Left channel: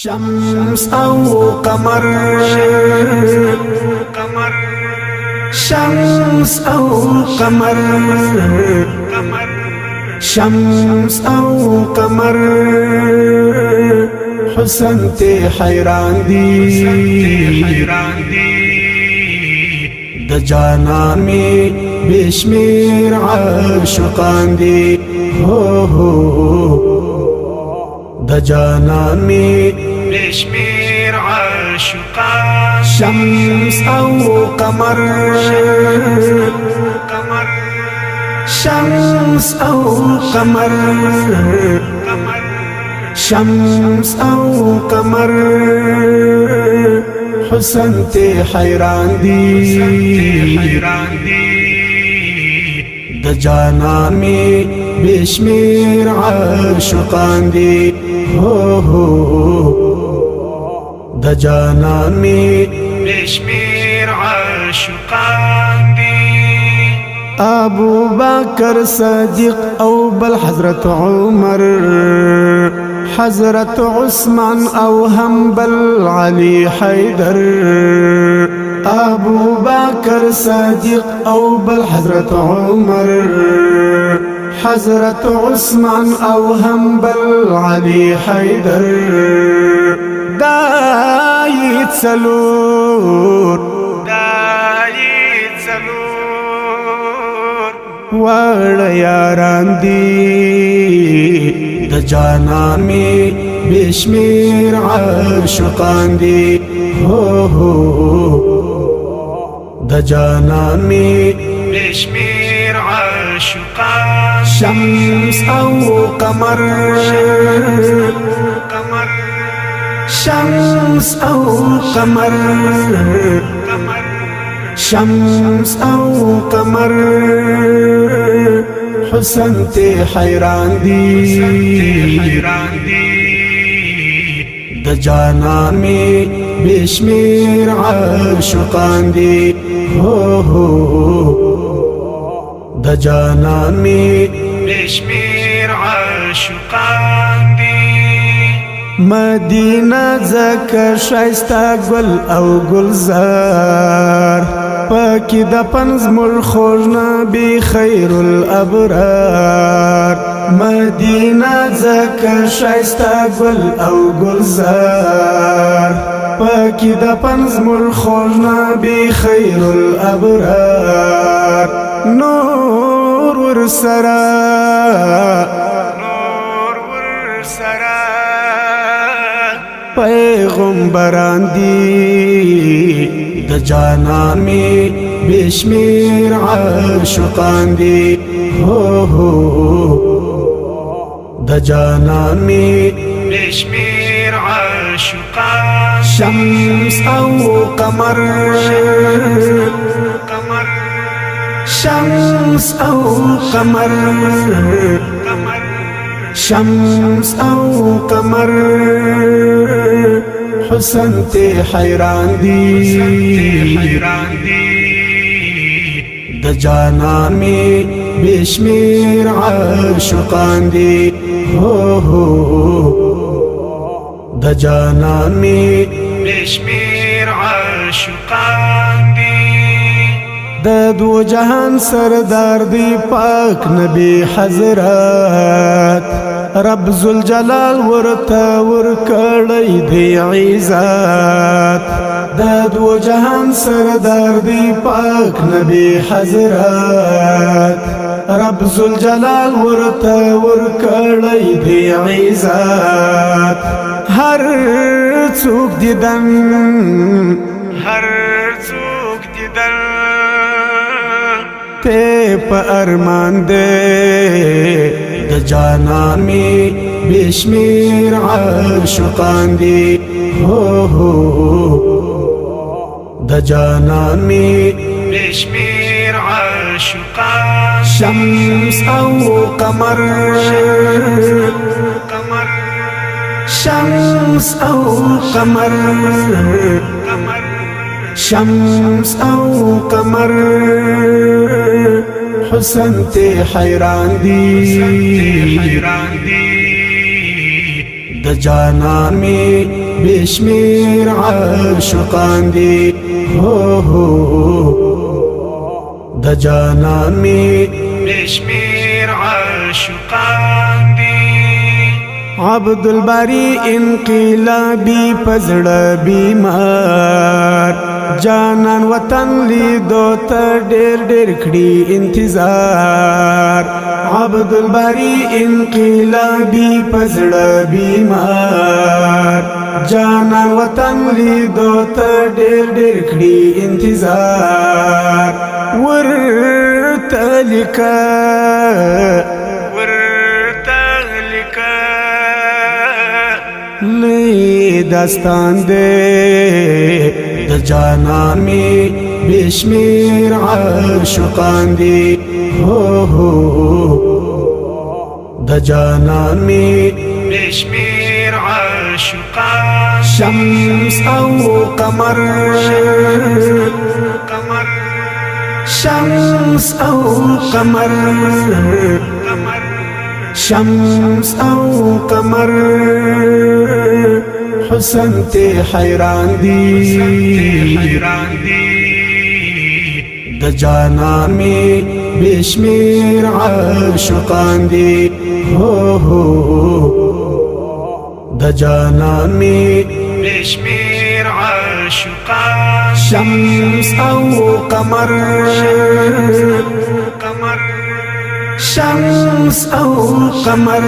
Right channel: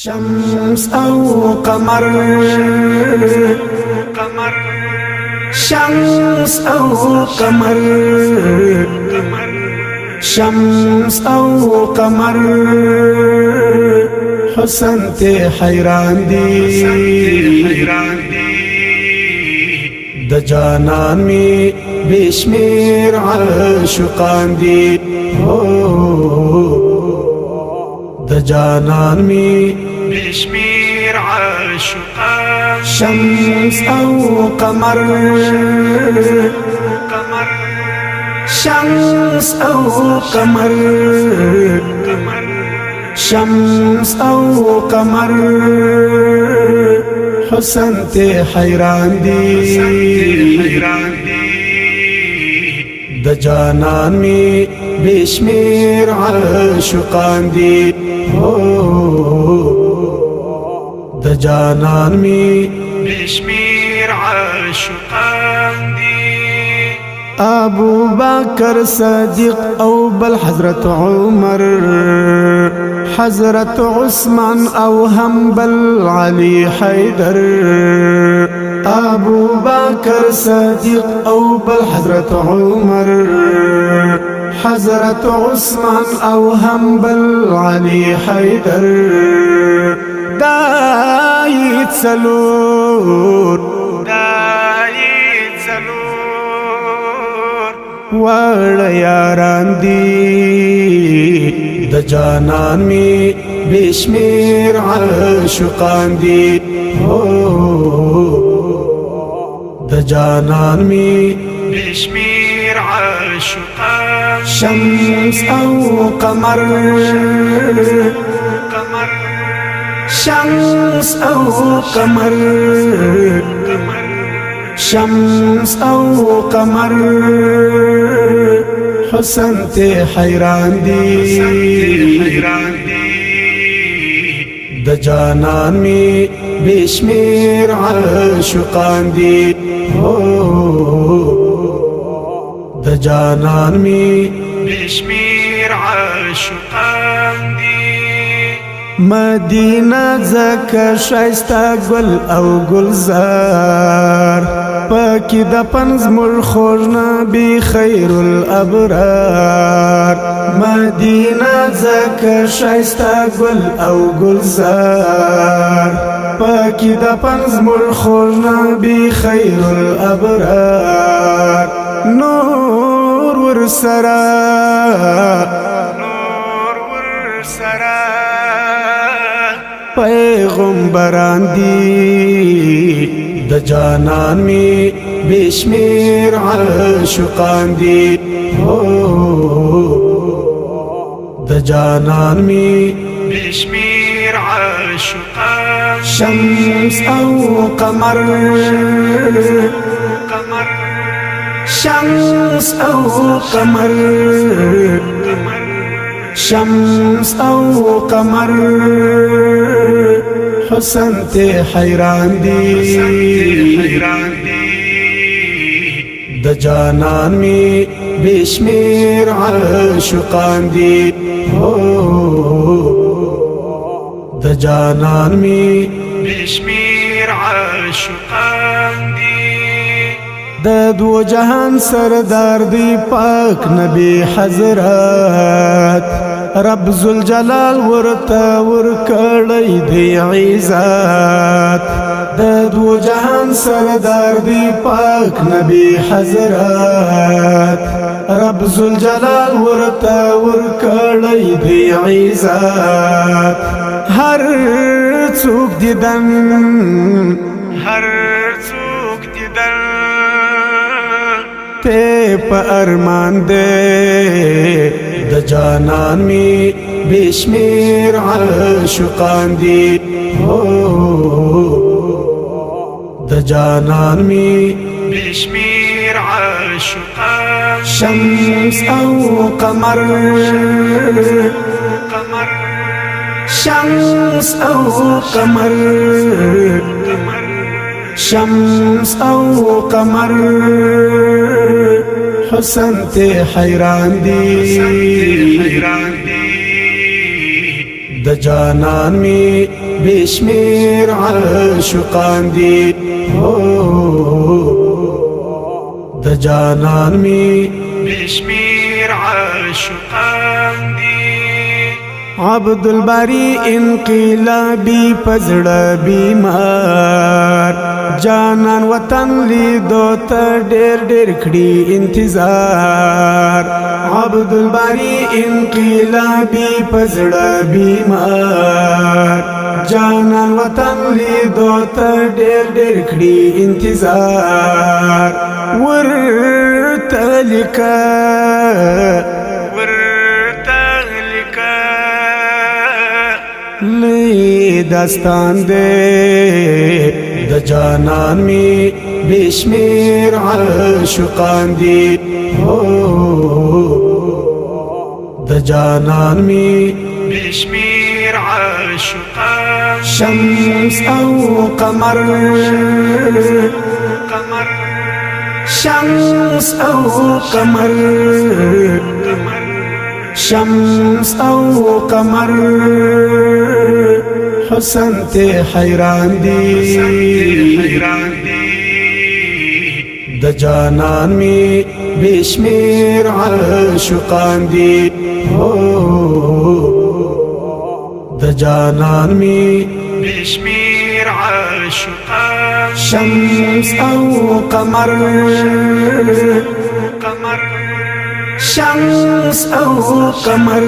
شمس او قمر شمس او قمر شمس او قمر حسن تے حیران دی د جانان می بشمیر عاشقان دی د جانان می بشمیر عاشقان شمس او قمر شمس او قمر شمس او قمر حسن تے حیران دی د جانان می بشمیر عاشقان دی د جانان می بشمیر عاشقان دی ابو بکر صدیق او بل حضرت عمر حضرت عثمان او هم بل علی حیدر ابو بکر صدیق او بل حضرت عمر حضرت عثمان او هم بل علی حیدر دایت سلور وړ یاران دی د جانان می بشمیر عاشقان دی د جانان می بشمیر عاشقان شمس او قمر شمس او قمر شمس او قمر حسن تے حیران دی د جانان می بشمیر عاشقان دی د جانان می بشمیر عاشقان دی مدینہ زکه شایسته گل او گلزار پاکی د پنز مر خوږ نبی خیر الابرار مدینہ زکه شایسته گل او گلزار پاکی د پنز مر خوږ نبی خیر الابرار نور ور سرا پیغمبران دی د جانان می بشمیر عاشقان دی د جانان می بشمیر عاشقان شمس او قمر شمس او قمر شمس او قمر حسن تے حیران دی د جانان می بشمیر عاشقان دی د جانان می بشمیر عاشقان دی د دو جهان سردار دی پاک نبی حضرات رب ذوالجلال ورتا ورکړی دی عزت د دو جهان سردار دی پاک نبی حضرات رب ذوالجلال ورتا ورکړی دی عزت هر څوک دیدن تے پا ارمان دے د جانان می بشمیر عاشقان دی د جانان می بشمیر عاشقان شمس او قمر شمس او قمر شمس او قمر حسن تے حیران دی د جانان می بشمیر عاشقان دی د جانان می بشمیر عاشقان دی عبدالباری انقلابی پزړه بیمار جانان وطن لیدو ته ډېر ډېر کړي انتظار عبدالباری انقلابی پزړه بیمار جانان وطن لیدو ته ډېر ډېر کړي انتظار ورته لیکه لئی داستان دے د جانان می بشمیر عاشقان دی د جانان می بشمیر عاشقان شمس او قمر شمس او قمر شمس او قمر حسن تے حیران دی د جانان می بشمیر عاشقان دی د جانان می بشمیر عاشقان شمس او قمر شمس او قمر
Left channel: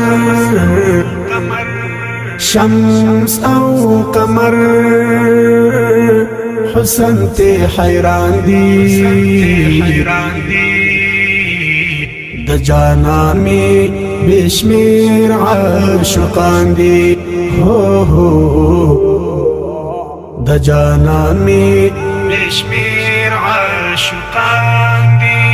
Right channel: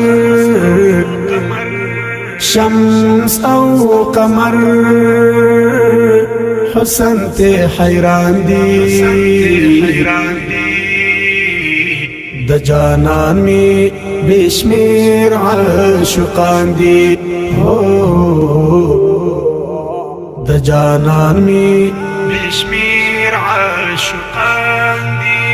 شمس او قمر حسن تے حیران دی د جانان می بشمیر عاشقان دی د جانان می بشمیر عاشقان دی